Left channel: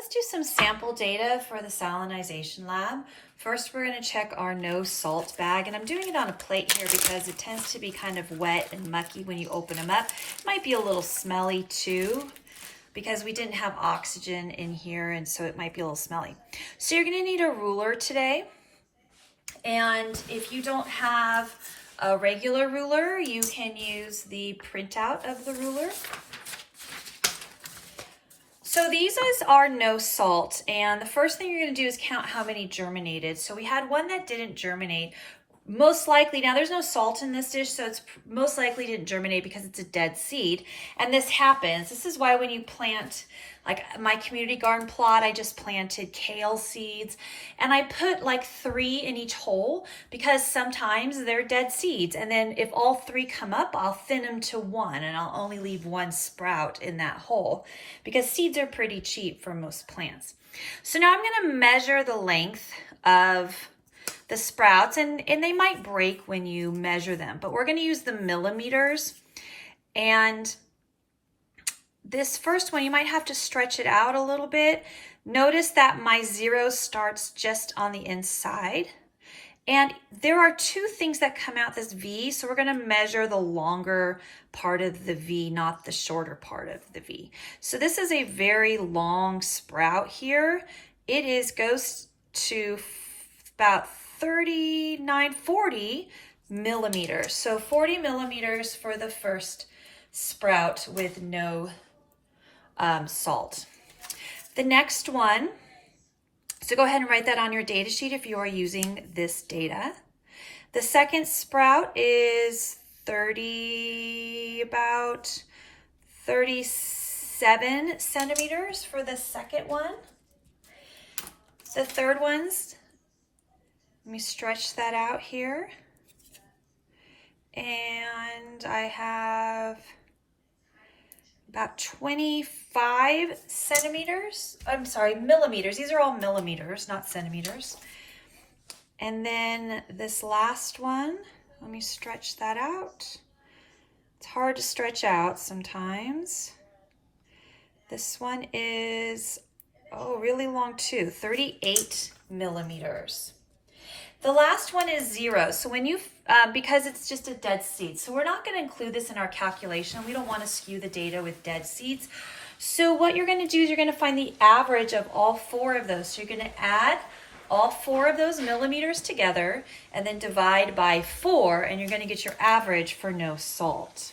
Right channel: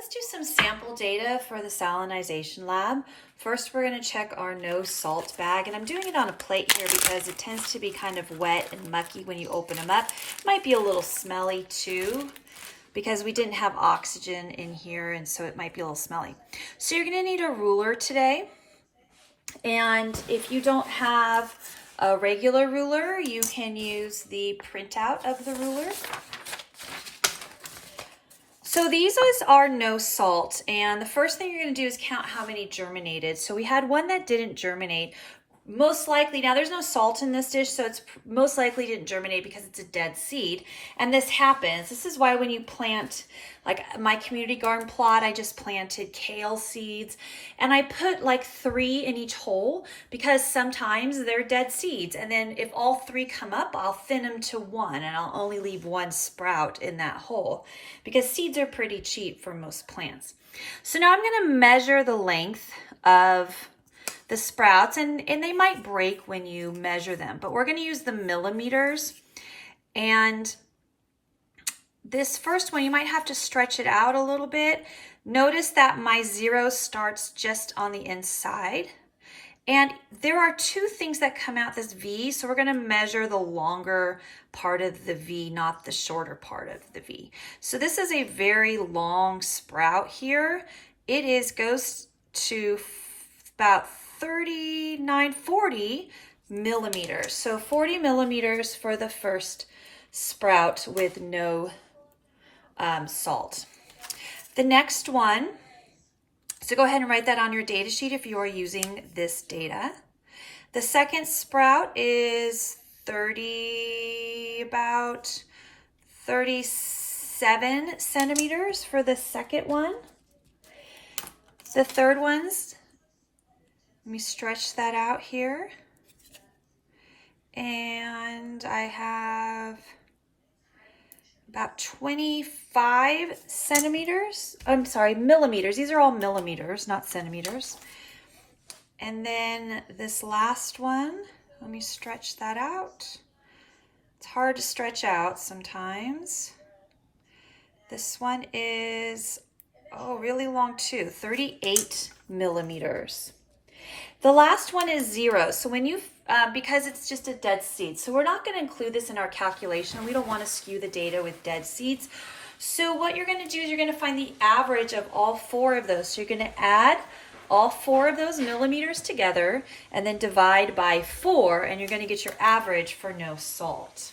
Let's do some sample data for the Salinization Lab. First, we're going to check our no salt bag, and I'm doing it on a plate here because it tends to be kind of wet and mucky when you open them up. Might be a little smelly too because we didn't have oxygen in here, and so it might be a little smelly. So you're going to need a ruler today, and if you don't have a regular ruler, you can use the printout of the ruler. So these are no salt, and the first thing you're going to do is count how many germinated. So we had one that didn't germinate. Most likely, now there's no salt in this dish, so it's most likely didn't germinate because it's a dead seed. And this happens. This is why when you plant, like my community garden plot, I just planted kale seeds, and I put like 3 in each hole because sometimes they're dead seeds. And then if all 3 come up, I'll thin them to 1, and I'll only leave 1 sprout in that hole because seeds are pretty cheap for most plants. So now I'm going to measure the length of the sprouts, and they might break when you measure them, but we're going to use the millimeters. And this first one, you might have to stretch it out a little bit. Notice that my 0 starts just on the inside. And there are 2 things that come out this V, so we're going to measure the longer part of the V, not the shorter part of the V. So this is a very long sprout here. It goes to about 40 millimeters. So 40 millimeters for the first sprout with no salt. The next one, so go ahead and write that on your data sheet if you are using this data. The second sprout is about 37 centimeters for the second one. The third one's, let me stretch that out here. And I have about 25 centimeters. I'm sorry, millimeters. These are all millimeters, not centimeters. And then this last one, let me stretch that out. It's hard to stretch out sometimes. This one is, really long too, 38 millimeters. The last one is 0. So when you, because it's just a dead seed, so we're not going to include this in our calculation. We don't want to skew the data with dead seeds. So what you're going to do is you're going to find the average of all 4 of those. So you're going to add all 4 of those millimeters together and then divide by 4, and you're going to get your average for no salt.